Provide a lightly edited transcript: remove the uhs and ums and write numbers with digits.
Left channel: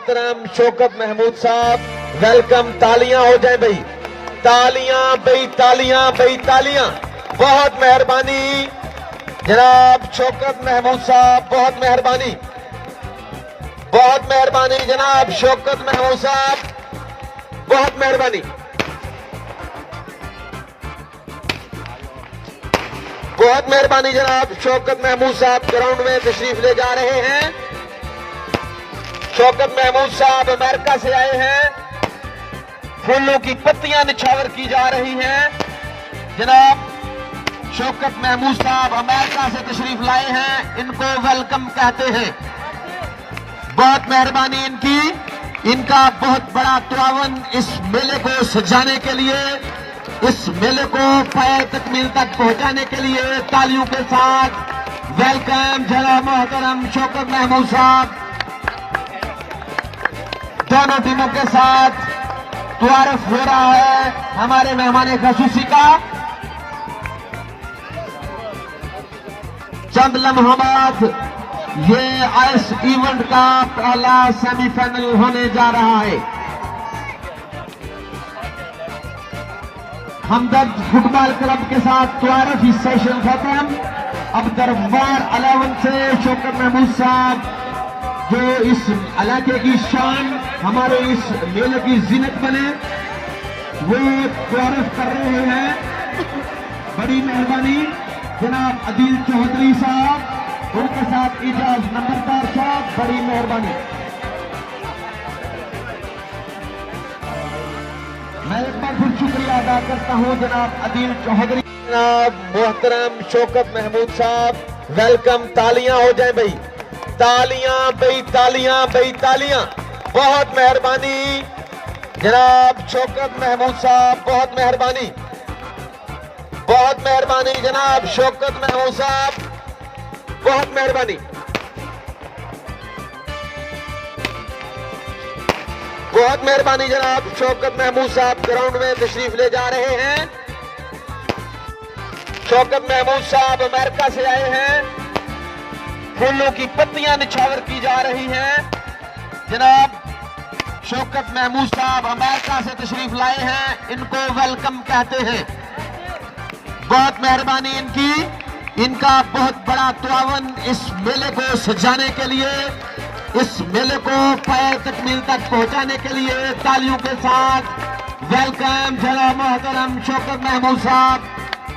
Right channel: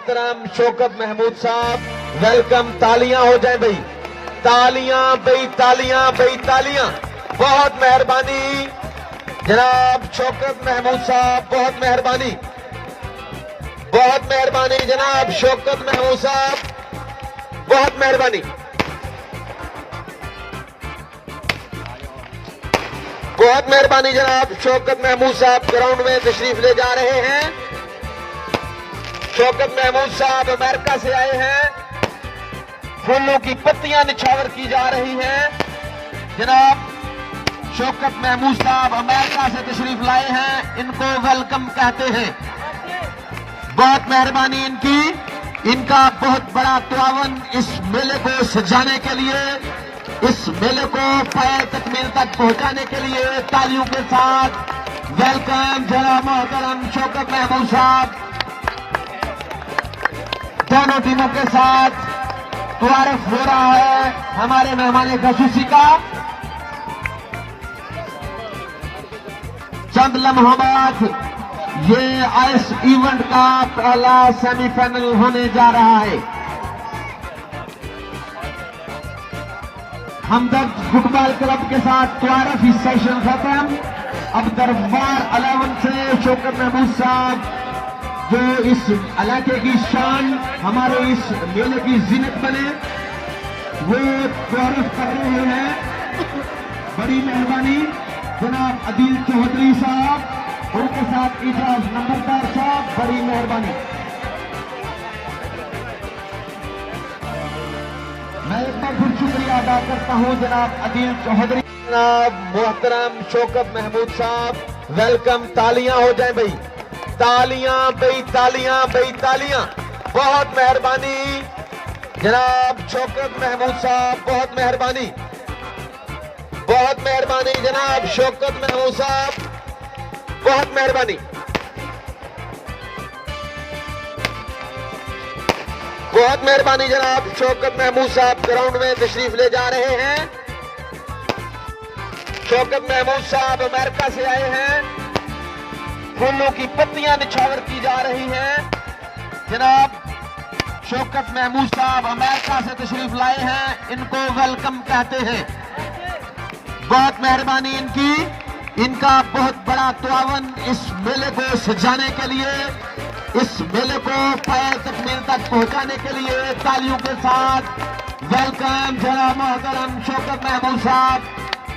मोहतरम शौकत महमूद साहब, वेलकम। तालियां हो जाए भाई, तालियां भाई, तालियां भाई, तालियां। बहुत मेहरबानी जनाब शौकत महमूद साहब, बहुत मेहरबानी, बहुत मेहरबानी जनाब शौकत महमूद साहब, बहुत मेहरबानी, बहुत मेहरबानी जनाब शौकत महमूद साहब ग्राउंड में तशरीफ ले जा रहे हैं। शौकत महमूद साहब अमेरिका से आए हैं, फूलों की पत्तियां निछावर की जा रही हैं। जनाब शौकत महमूद साहब अमेरिका से तशरीफ लाए हैं, इनको वेलकम कहते हैं। बहुत मेहरबानी इनकी, इनका बहुत बड़ा तावन इस मेले को सजाने के लिए, इस मेले को पाए तकमील तक पहुंचाने के लिए। तालियों के साथ वेलकम जनाब मोहतरम शौकत महमूद साहब। दोनों टीमों के साथ तारुफ हो रहा है हमारे मेहमान खसूसी का। चंद लम्हा बाद ये इस इवेंट का पहला सेमीफाइनल होने जा रहा है। हमदर्द फुटबॉल क्लब के साथ तारुफी सेशन खत्म। अब दरबार 11 से शौकत महमूद साहब जो इस इलाके की शान, हमारे इस मेले की जीनत बने, वो तारुफ कर रहे हैं। बड़ी मेहरबानी जनाब अदील चौधरी साहब, उनके साथ इजाज नंबरदार साहब, बड़ी मेहरबानी। मैं एक बार फिर शुक्रिया अदा करता हूं जनाब अदील चौधरी। जनाब मोहतरम शौकत महमूद साहब, वेलकम। तालियां हो जाए भाई, तालियां भाई, तालियां भाई, तालियां। बहुत मेहरबानी जनाब शौकत महमूद साहब, बहुत मेहरबानी, बहुत मेहरबानी जनाब शौकत महमूद साहब, बहुत मेहरबानी, बहुत मेहरबानी जनाब शौकत महमूद साहब ग्राउंड में तशरीफ ले जा रहे हैं। शौकत महमूद साहब अमेरिका से आए हैं, फूलों की पत्तियां निछावर की जा रही हैं। जनाब शौकत महमूद साहब अमेरिका से तशरीफ लाए हैं, इनको वेलकम कहते हैं। बहुत मेहरबानी इनकी, इनका बहुत बड़ा तावन इस मेले को सजाने के लिए, इस मेले को पाए तकमील तक पहुंचाने के लिए। तालियों के साथ वेलकम जनाब मोहतरम शौकत महमूद साहब।